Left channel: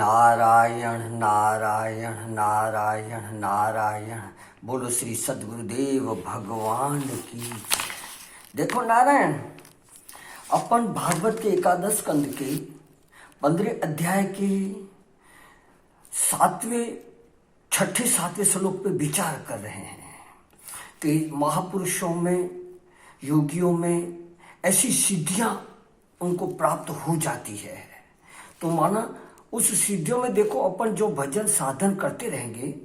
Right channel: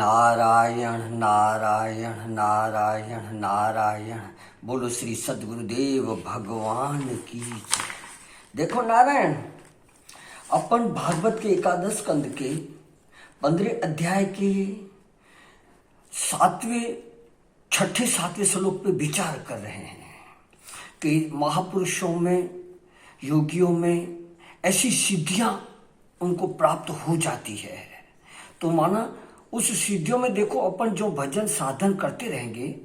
नारायण नारायण नारायण नारायण। बोलो श्री सद्गुरुदेव भगवान की। देखो नारायण, अपन भागवत के एकादश स्कंद के 15 अध्याय के 7वें श्लोक पे विचार कर रहे हैं कि महापुरुषों में, योगियों में ऐसी सिद्धियां उनको प्राप्त हो जाती है। तो माना उस सिद्धियों में देखो, अपन जो भजन साधन करते रहेंगे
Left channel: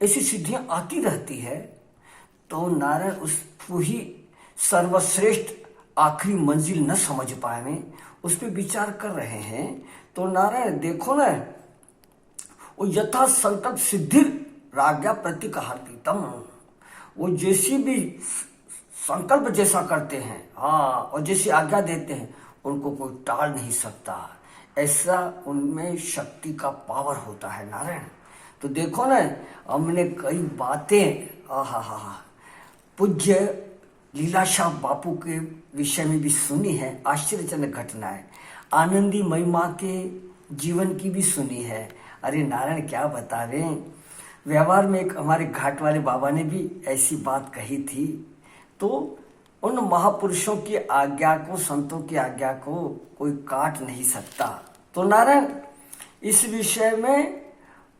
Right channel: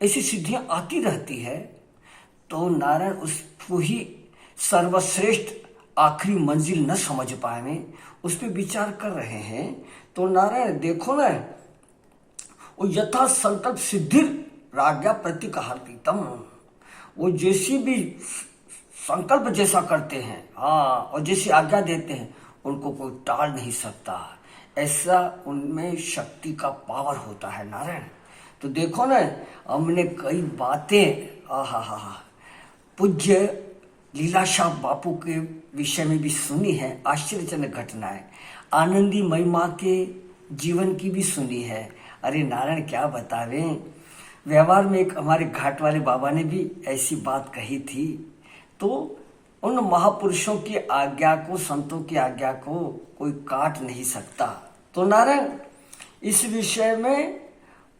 ऐसी सिद्धियां आती रहती है। तो नारायण उसको ही सर्वश्रेष्ठ आखिरी मंजिल न समझ पाए, उस पर विचार कर रहे हैं। तो नारायण देखो ना, वो यथा संकल्प सिद्धि राज्ञा प्रतिकहार्पितम, वो जैसी भी संकल्प जैसा करते हैं, हाँ, और जैसी आज्ञा देते हैं उनको कोई टाल नहीं सकता। ऐसा उनमें शक्ति का पावर होता है नारायण। तो देखो ना, हमने कई बातें पूज्य लीलाशाह बापू के विषय में भी सुनी है, आश्चर्यजनक घटनाएं, आनंदी महिमा के जीवन की भी सुनी है। अरे नारायण क्या बतावे, व्यवहार में एक हमारे घाट वाले बाबा ने भी ऐसी बात कही थी। तो उन महापुरुषों की आज्ञा को, संतों की आज्ञा को कोई काट नहीं सकता। तो नारायण इस विषय में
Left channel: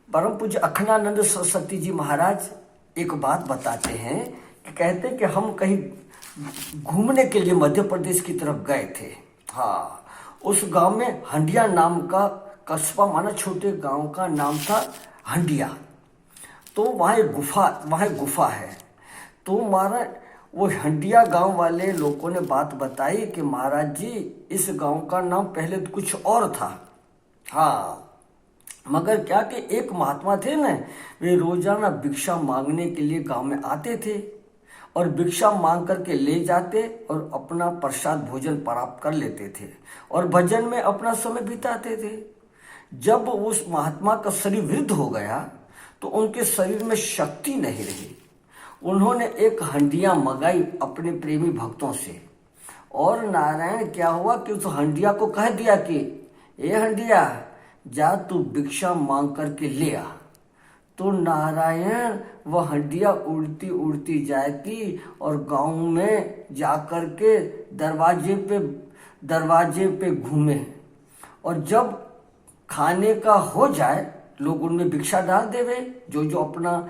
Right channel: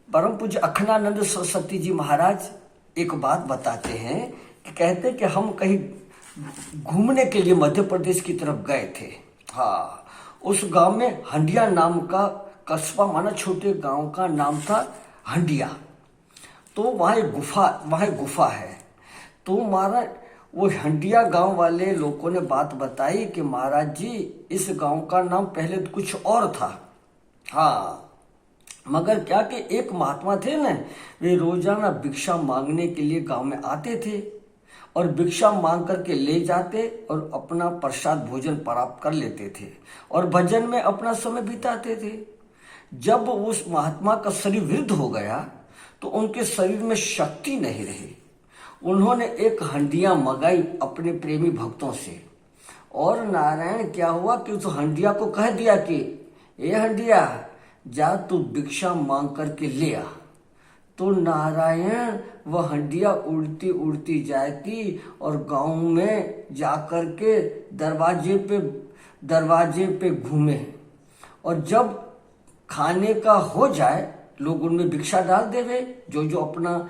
परम पूज्य अखंडानंद सरस्वती जी महाराज एक बात बताते हैं कि कहते कि हम कहीं घूमने के लिए मध्य प्रदेश की तरफ गए थे। हाँ, उस गांव में हंडिया नाम का कस्बा, माना छोटे गांव का नाम था हंडिया। तो वहाँ गुफा है। तो महाराज वो हंडिया गांव वाले लोगों ने बात बताई कि महाराज जी, इस गांव का नाम पहले कुछ और था। हाँ, मगर क्या कि एक महात्मा थे ना, वे रोजाना भिक्षा मांगने के लिए गांव में आते थे और भिक्षा मांग करके ले जाते और अपना प्रसाद भोजन प्राप्त कर लेते थे और भजन में अपना समय बिताते थे। जब उस महात्मा का शरीर वृद्ध हो गया तो उनके शरीर में शक्ति नहीं रही। उन्होंने एक हंडिया मंगाई अपने प्रेमी भक्तों से, और नारायण क्या हुआ कि उस हंडिया को कह दिया कि ये हंडिया, जा तू भिक्षा मांग करके ले आ। तो नारायण वह हंडिया उड़ती उड़ती जाती और गांव में जाकर के दरवाजे पे घूमे, और जब खाने का हो जाए लोग उनमें भिक्षा डाल देवे, जो अपना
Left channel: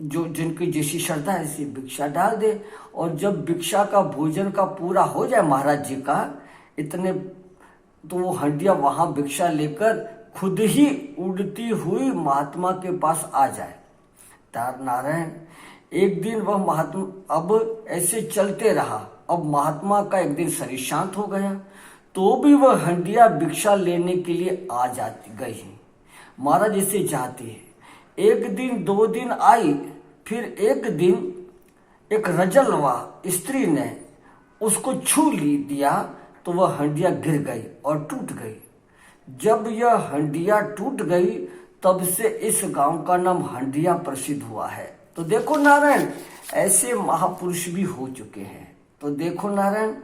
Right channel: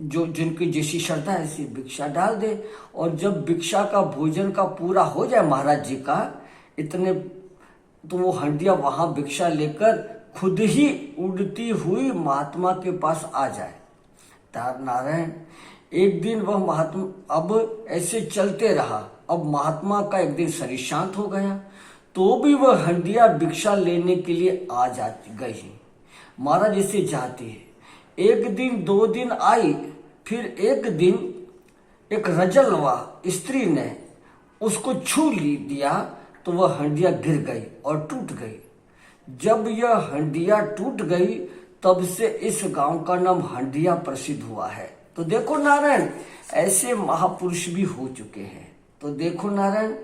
जिनकी जैसी श्रद्धा है ऐसी भिक्षा डाल दे। और जब भिक्षा का भोजन का पूरा हो जाए महाराज जी का इतने, तो वो हंडिया वहां भिक्षा लेकर खुद ही उड़ती हुई महात्मा के पास आ जाए। नारायण एक दिन वह महात्मा अब ऐसे चलते रहा। अब महात्मा का एक दिन शरीर शांत हो गया तो भी वह हंडिया भिक्षा लेने के लिए आ जाती गई। महाराज इसे जाते है। एक दिन 2 दिन आई, फिर एक दिन एक रजलवा स्त्री ने उसको छू दिया तो वह हंडिया गिर गई और टूट गई। जब यह हंडिया टूट गई तब से इस गांव का नाम हंडिया प्रसिद्ध हुआ है। तो देखो नारायण, ऐसे महापुरुष भी हो चुके हैं। तो देखो नारायण,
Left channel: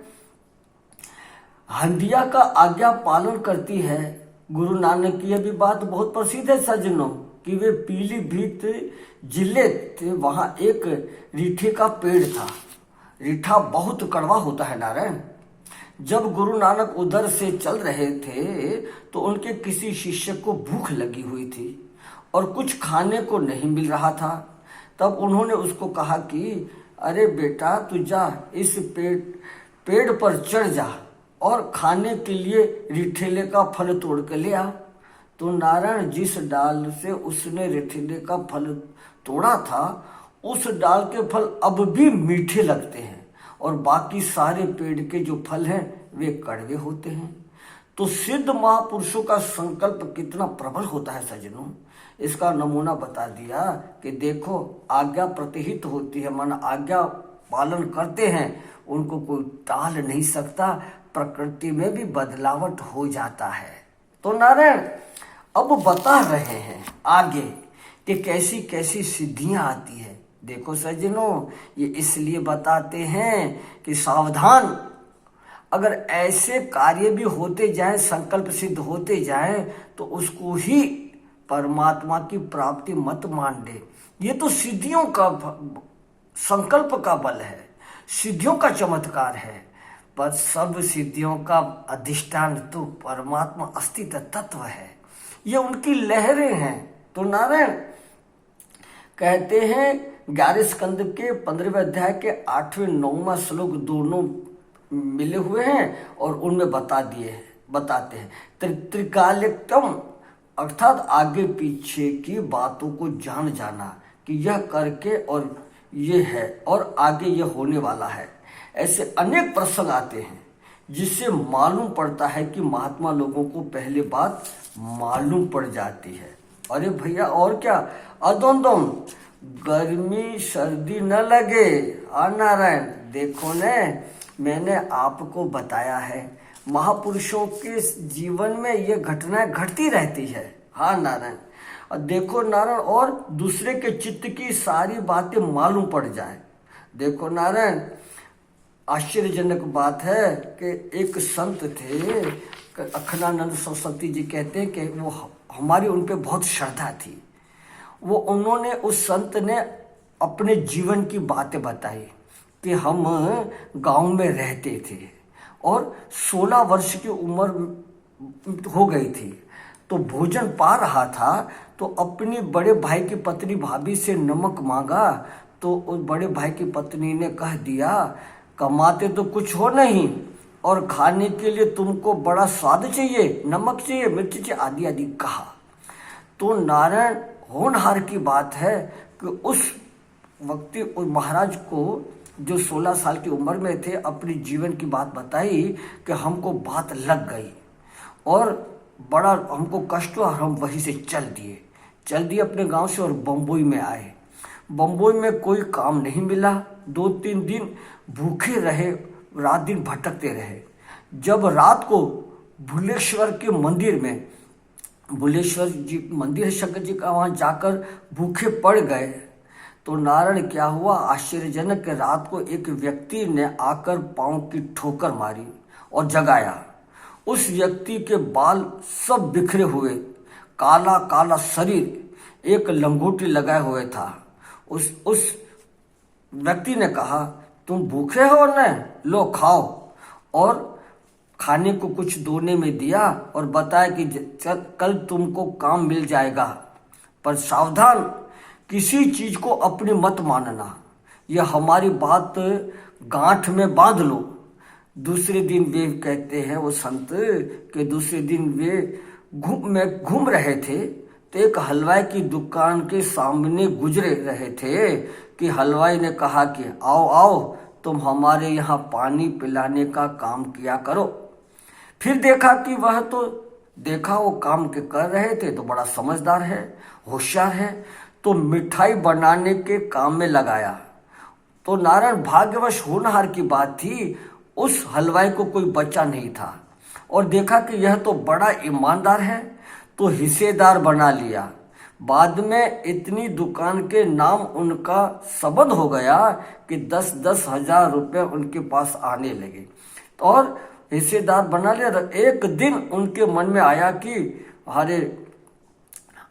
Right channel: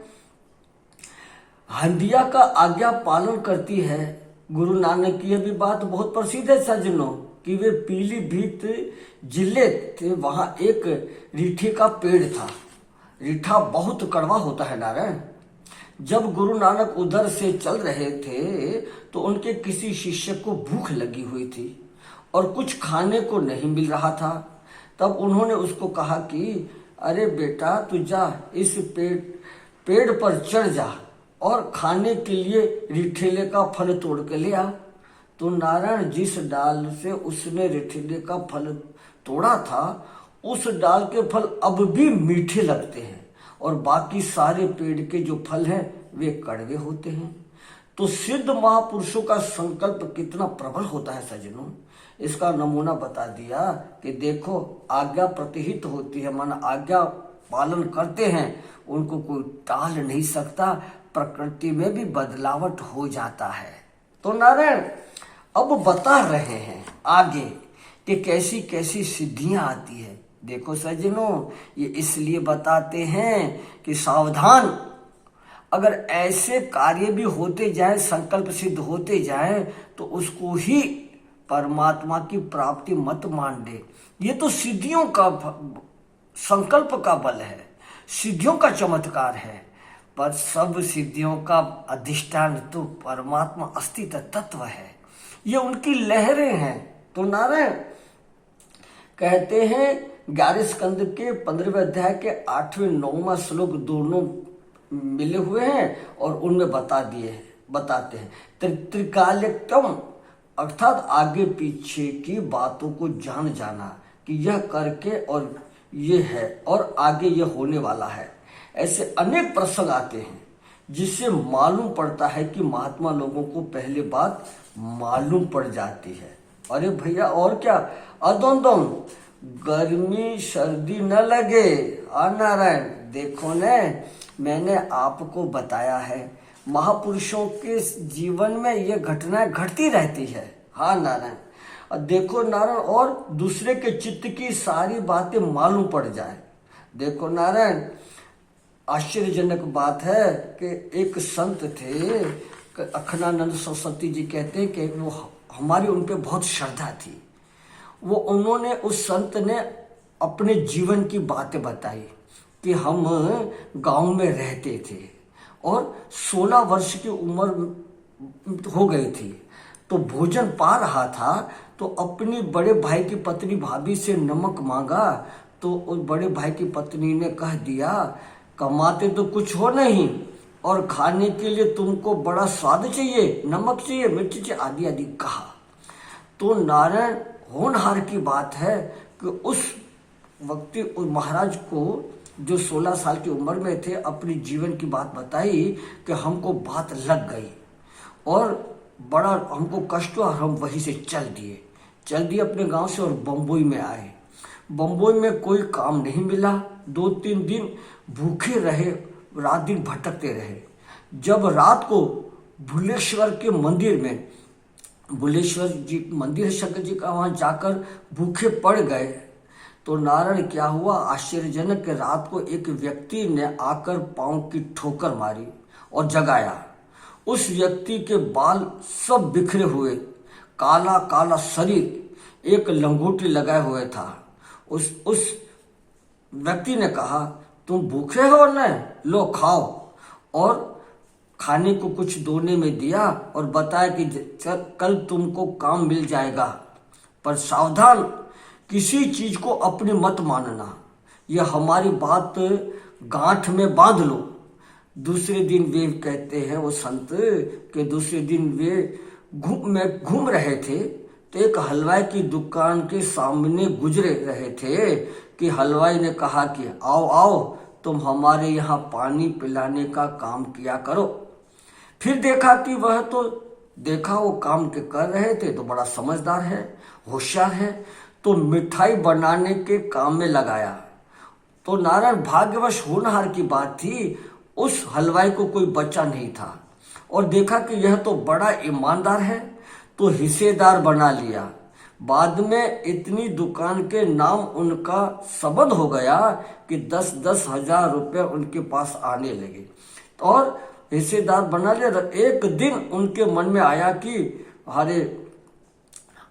हंडिया का आज्ञा पालन करती है। गुरु नानक की यह भी बात बहुत प्रसिद्ध है सज्जनों, कि वे पीलीभीत जिले थे, वहां एक रीठे का पेड़ था। रीठा बहुत कड़वा होता है नारायण। जब गुरु नानक उधर से चल रहे थे तो उनके किसी शिष्य को भूख लगी हुई थी और कुछ खाने को नहीं मिल रहा था। तब उन्होंने उसको कहा कि अरे बेटा, तू जा इस पेड़ पर चढ़ जा और खाने के लिए रिठेले का फल तोड़ के ले आ। तो नारायण जिस डाल से उसने रिठेले का फल तोड़ा था उस डाल के फल अब भी मीठे लगते हैं और बाकी सारे पेड़ के जो फल हैं वे कड़वे होते हैं। तो सिद्ध महापुरुषों का संकल्प कितना प्रबल होता है सज्जनों, इसका नमूना बता दिया कि देखो आज्ञा प्रतिहित होती है, माना आज्ञा पालन करते हैं, उनको कोई टाल नहीं सकता। प्रकृति में भी बदलावट हो जाता है। तो नारायण अब बता रहे हैं आगे कि कैसी कैसी सिद्धियां आती है। देखो सज्जनों, ये इसलिए बताते हैं कि सावधान, अगर ऐसे कार्य भी होते जाएं, संकल्प सिद्ध होते जाएं, तो उसको ही परमात्मा की प्राप्ति मत मान ले। ये तो सिद्धियों का संकल्प का बल है, सिद्धियों का चमत्कार है, पर सब सिद्धियों का अधिष्ठान तो परमात्मा अस्तित्व तत्व है, ये उनकी लहरें हैं। तो नारायण कहते हैं 11 स्कंद के 15वें अध्याय के 8वें 9वां श्लोक दोनों मिले हुए हैं और उनमें बताते हैं त्रिकालिकम, अर्थात आगे पीछे की बातों को जान जाना कि यह करके और ये है और आगे यह होने वाला है। ऐसे अनेक प्रसंग आते हैं जिससे मालूम पड़ता है कि महात्मा लोगों को पहले बात मालूम पड़ जाती है। अरे भैया और क्या, अदोंदम गर्मी सर्दी न लगे। नारायण देखो न, मैंने आपको बताया है महापुरुषों के जीवन में ये घटनाएं घटती रहती है। हाँ नारायण, और देखो नारायण, और दूसरे के चित्त की सारी बातें मालूम पड़ जाए। देखो नारायण, आश्चर्यजनक बात है कि एक संत थे, अखंडानंद सरस्वती जी कहते हैं कि वो हमारी उन पे बहुत श्रद्धा थी। उन्होंने उस संत ने अपने जीवन की बातें बताई कि हम गांव में रहते थे और 16 वर्ष की उम्र हो गई थी, तो भोजन पा रहा था, तो अपनी बड़े भाई की पत्नी भाभी से नमक मांगा, तो उस बड़े भाई की पत्नी ने कह दिया कमाते तो कुछ हो नहीं और खाने के लिए तुमको बड़ा स्वाद चाहिए, नमक चाहिए, मिर्च चाहिए, आदि आदि कहा। तो नारायण होनहार की बात है कि उस व्यक्ति उस महाराज को जो 16 साल की उम्र में थे अपनी जीवन की बात बताई कि हमको बात लग गई और बड़ा हमको कष्ट हुआ, हम वहीं से चल दिए अपने गांव से और बम्बई में आए। बम्बई में कोई काम नहीं मिला, 2-3 दिन भूखे रहे, रात दिन भटकते रहे। जब रात को भुलेश्वर के मंदिर में, भुलेश्वर जी मंदिर है शंकर जी का, वहां जाकर भूखे पड़ गए, तो नारायण क्या हुआ, आश्चर्यजनक कि रात को एक व्यक्ति ने आकर पांव की ठोकर मारी और जगाया। उस व्यक्ति के बाल सब बिखरे हुए, काला काला शरीर, एक लंगोटी लगाए हुए था। उस व्यक्ति ने कहा तुम भूखे हो न, लो खाओ, और खाने को कुछ दोने में दिया और बताया कि कल तुमको काम मिल जाएगा, पर सावधान, किसी चीज को अपनी मत मानना, यह हमारी बात गांठ में बांध लो। दूसरे दिन वे कहते हैं वो संत कि दूसरे दिन वे घूम रहे थे, तो एक हलवाई की दुकान के सामने गुजरे रहे थे कि हलवाई ने कहा कि आओ आओ तुम हमारे यहाँ पानी पिलाने का काम किया करो। फिर देखा कि वो काम के कर रहे थे, तो बड़ा समझदार है, होशियार है, तो मिठाई बनाने के काम में लगाया। तो नारायण भाग्यवश होनहार की बात थी, उस हलवाई को कोई बच्चा नहीं था और देखा कि यह तो बड़ा ईमानदार है, तो हिस्सेदार बना लिया। बाद में इतनी दुकान के नाम उनका सबद हो गया कि 10-10 हजार रुपये उनके पास आने लगे और हिस्सेदार बना लिया। एक दिन उनके मन में आया कि अरे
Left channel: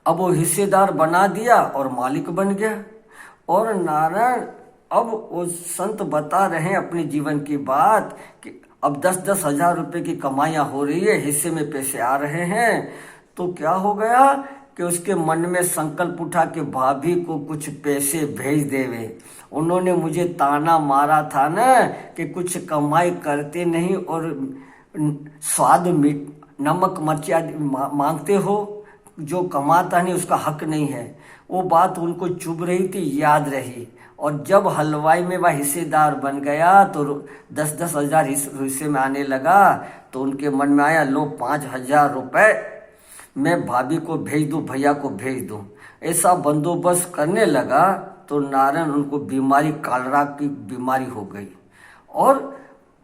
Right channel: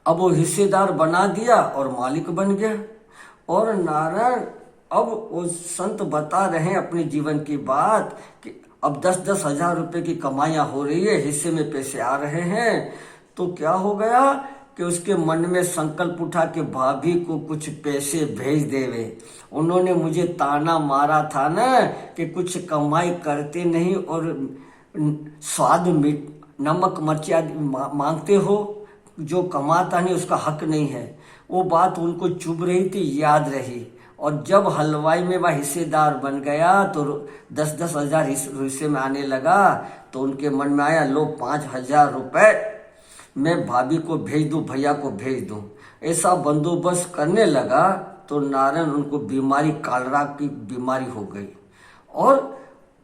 अब वो हिस्सेदार बना दिया और मालिक बन गया। और नारायण अब वो संत बता रहे हैं अपने जीवन की बात कि अब 10-10 हजार रुपये की कमाइयाँ हो रही है, हिस्से में पैसे आ रहे हैं, तो क्या हो गया कि उसके मन में संकल्प उठा कि भाभी को कुछ पैसे भेज देवे। उन्होंने मुझे ताना मारा था ना कि कुछ कमाई करते नहीं और स्वाद नमक मिर्ची मांगते हो, जो कमाता नहीं उसका हक नहीं है। वो बात उनको चुभ रही थी, याद रही, और जब हलवाई में वह हिस्सेदार बन गया तो 10-10 हजार हिस्से में आने लगा, तो उनके मन में आया लो 5,000 रुपये मैं भाभी को भेज दूं, भैया को भेज दूं। ऐसा बंदोबस्त करने लगा तो नारायण उनको बीमारी, कालरा की बीमारी हो गई और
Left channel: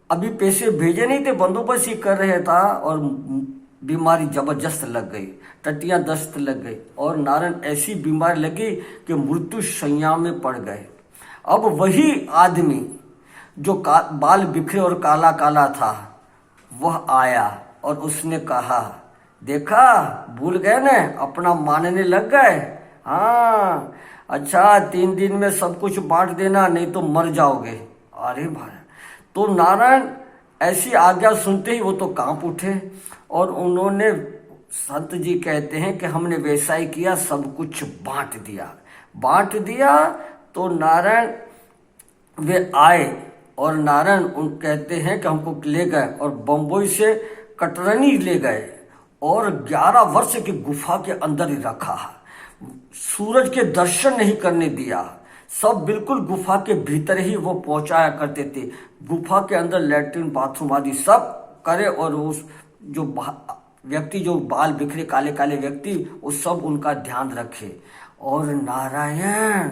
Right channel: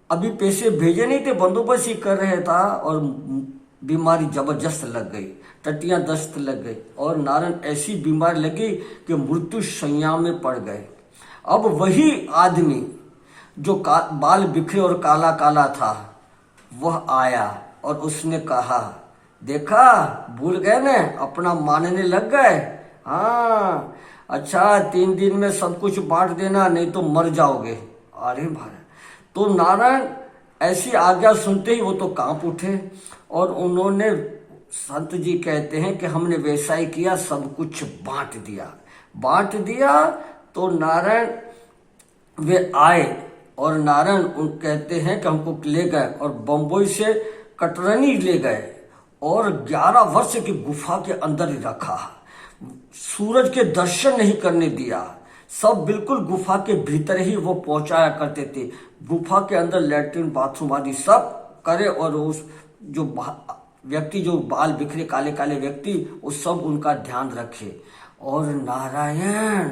अभी पैसे भेजे नहीं थे, बंदोबस्त ही कर रहे था और बीमारी जबरदस्त लग गई, टट्टियां दस्त लग गई और नारायण ऐसी बीमारी लगी कि मृत्यु शैया में पड़ गए। अब वही आदमी जो बाल बिखरे और काला काला था वह आया और उसने कहा, देखा भूल गए ना, अपना मानने लग गए। हाँ अच्छा, 3 दिन में सब कुछ बांट देना, नहीं तो मर जाओगे। अरे भाई, तो नारायण ऐसी आज्ञा सुनते ही वो तो कांप उठे और उन्होंने, संत जी कहते हैं कि हमने वैसा ही किया, सब कुछ बांट दिया। तो नारायण वे आए और नारायण उन कहते हैं कि हमको ले गए और बम्बई से कटरनी ले गए और 11 वर्ष की गुफा के अंदर ही रखा। सूरज के दर्शन नहीं करने दिया, सब बिल्कुल गुफा के भीतर ही वो पहुंचाया करते थे। गुफा के अंदर लैट्रिन बाथरूम आदि सब करे और उस जो व्यक्ति, जो बाल बिखरे काले काले व्यक्ति, वो सब उनका ध्यान रखे। और नारायण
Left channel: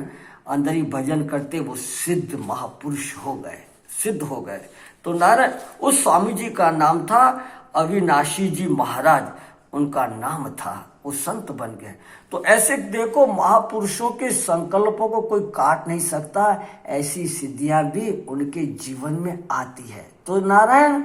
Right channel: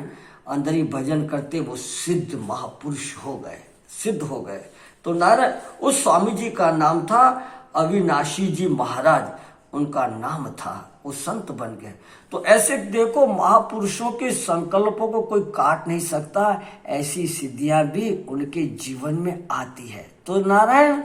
अंदर ही भजन करते वो सिद्ध महापुरुष सिद्ध हो गए। तो नारायण, उस स्वामी जी का नाम था अविनाशी जी महाराज, उनका नाम था, वो संत बन गए। तो ऐसे देखो, महापुरुषों के संकल्पों को कोई काट नहीं सकता, ऐसी सिद्धियां भी उनके जीवन में आती है। तो नारायण